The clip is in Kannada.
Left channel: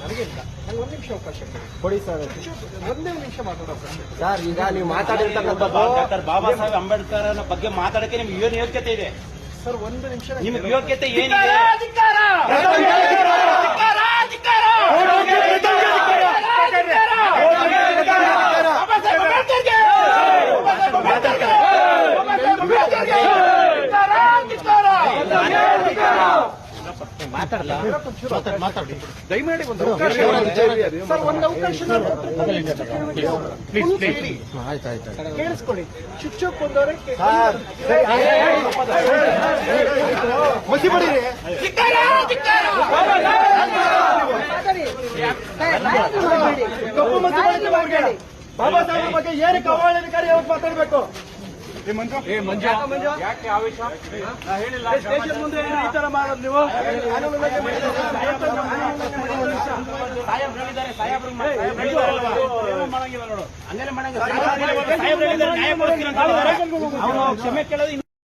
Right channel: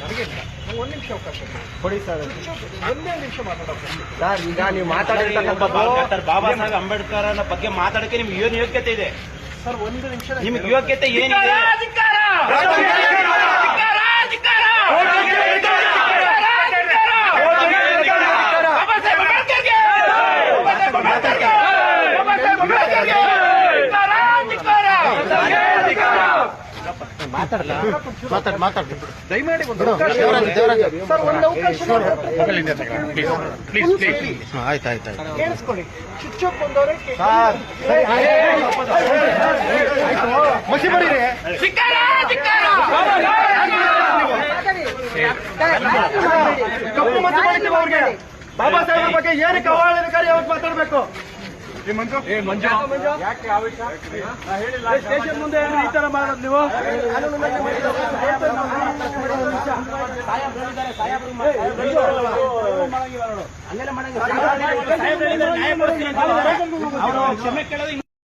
ನನಗಿಲ್ಲ ನಂಗೆ ಒಂದು ನಿಮಿಷ ಅವಕಾಶ ಕೊಡಿ ಸರ್. ಒಂದೇ ನಿಮಿಷ ಮಾತಾಡೋಕೆ ಸರ್. ಈಗ ನೀವು ಮಾತಾಡಿರ್ತಕ್ಕಂಥದ್ದು ಡಾಕ್ಟರ್ ಬಾಬಾ ಸಾಹೇಬ್ ಅಂಬೇಡ್ಕರ್ ಬಗ್ಗೆ ಮಾತಾಡಕ್ಕೆ ನಿಮ್ಗೆ ಏನು ಯೋಗ್ಯತೆ ಇದೆ ಸರ್? ಒಂದು ನಿಮಿಷ ನಿಮ್ಗೆ ಯೋಗ್ಯತೆ ಏನಿದೆ? ದಯಮಾಡಿ ಒಂದು ಅವಕಾಶ ಸರ್, ಒಂದು ಅವಕಾಶ ಆಯ್ತಾಯ್ತು. ಕೇಳಿಸ್ಕೊಳ್ಳಿ. ಚುಚ್ಚೋಕ್ ಬಂದವರೇ ಬಾಬಾ ಸಾಹೇಬ್ ಬಗ್ಗೆ ಏನಕ್ಕೆ ಅವಹೇಳನಕಾರಿ ಯಾವತ್ತು ಮಾತಾಡಬೇಕು? ಯಾಕೆ ಆವೇಶ? ಸ್ಟೇಷನ್ ಮುಂದೆ ಈ ತರ ಮಾಡೋದು ನೀವು? ಕ್ಷಮೆ ಕೇಳೋದು